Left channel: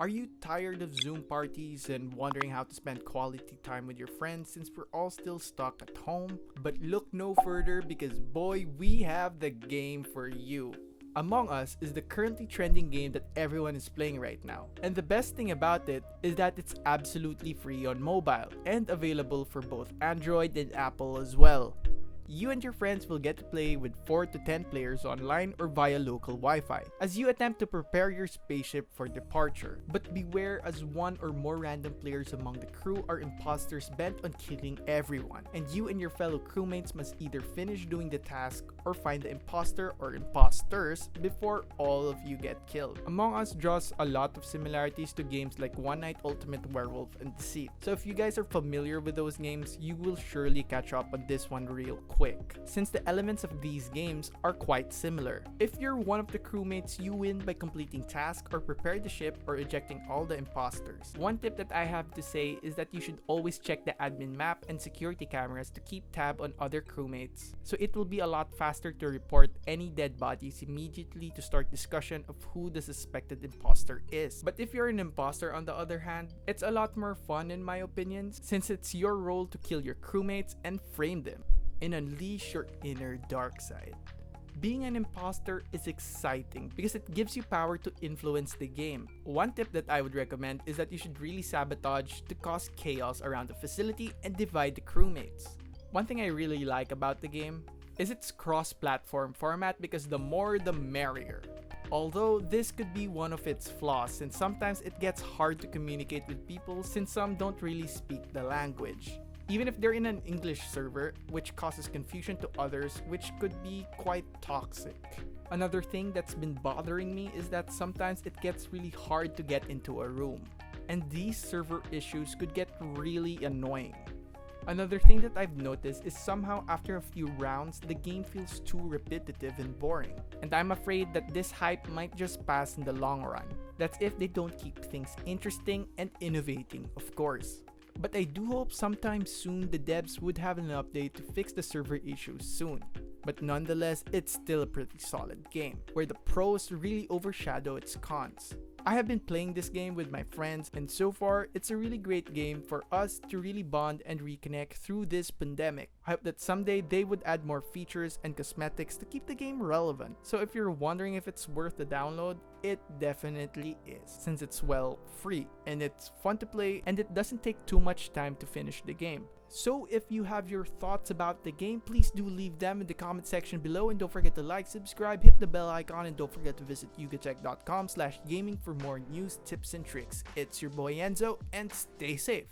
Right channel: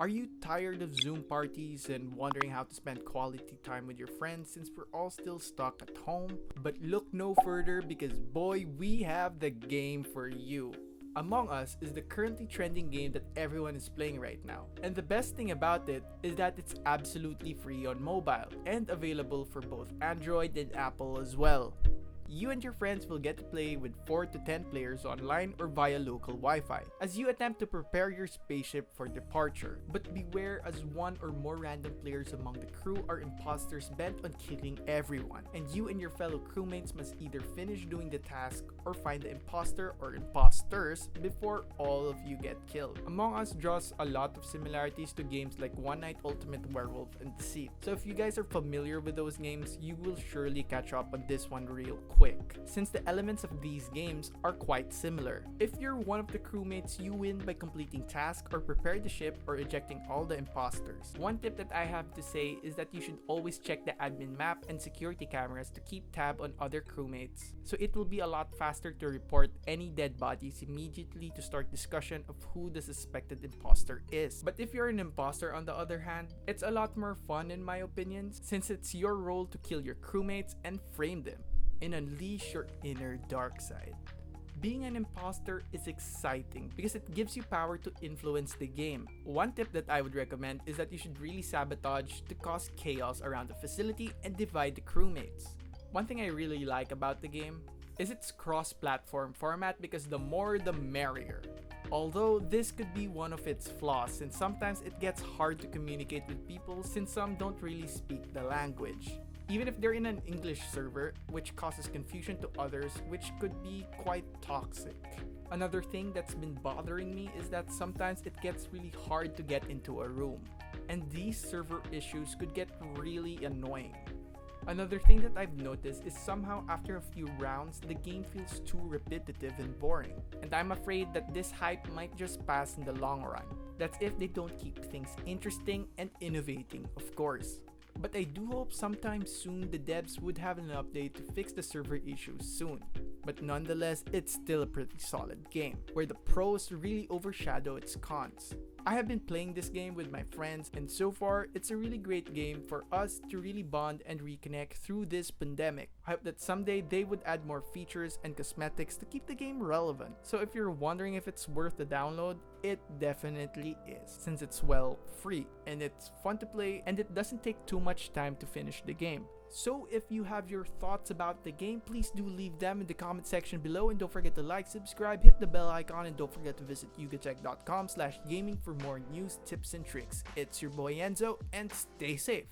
Are you tired of Zoom parties and wondering how to spend quality time with your friends since we're all still stuck at home? But look no further because boy, we have the game for you. Among Us is the currently trending game that everyone is playing right now. And the best thing about it is that it's absolutely free on mobile and available for both Android and Apple as well. You and your friends will get to play with 4 to 10 players online or via local Wi-Fi as you attempt to prepare your spaceship for departure. But beware, as one or more random players among the crew are imposters bent on killing everyone, and you and your fellow crewmates must either finish doing the task or find the imposter or imposters before all of you get killed. Among Us draws a lot of similarities to games like One Night Ultimate Werewolf and Deceit. So if you guys are familiar with those games, you will surely catch up on this one real quick, since the elements of these games are quite similar. If you're one of the crewmates, you win by completing tasks or prepare the ship or ejecting all the imposters. One tip that I have to say is that you should always check the admin map and security cameras to keep tab on other crewmates, so it will be a lot faster to report any dead bodies immediately to start discussion of who the suspected imposter is. But if you're an imposter on the other hand, it's a lot more fun in my opinion, since it's your role to kill your crewmates and frame them and unleash your inner dark side. Being an imposter is exciting because it gives you power to influence the game. One tip that I would recommend is that you should really sabotage to cause chaos around the facility and divide the crewmates. One thing I really like about the game is its cross-platform format, because the more the merrier. Although this could be one of its flaws, since sometimes it gets hard to communicate with people since some don't really speak the language, even if they're in an English server, which causes confusion to others, which could be quite toxic. Another thing that's been bothering me is that sometimes it gets really hard to get into a room, and these server issues could get really annoying. Another thing that I've noticed is somehow after a few rounds, the game feels too repetitive and boring, and I'm afraid that this hype might just pass in the long run. That's if they don't keep things interesting and innovating, of course. But I do hope sometime soon the devs would have an update to fix the server issues soon. But nonetheless, it's still a pretty solid game, where the pros really overshadow its cons. I have been playing this game with my friends, and so far, it's a really great game for us to really bond and reconnect through this pandemic. I hope that someday they would add more features and cosmetics to keep the game relevant. So if you're wondering if it's worth the download, it definitely is, since it's free and it's fun to play and it doesn't take too much time to finish the game. So if you have your thoughts about the game, please do leave them in the comment section below, and don't forget to like, subscribe, hit the bell icon, and don't forget to visit yugatech.com/gaming for more news, tips, and tricks. It's your boy Enzo, and stay safe.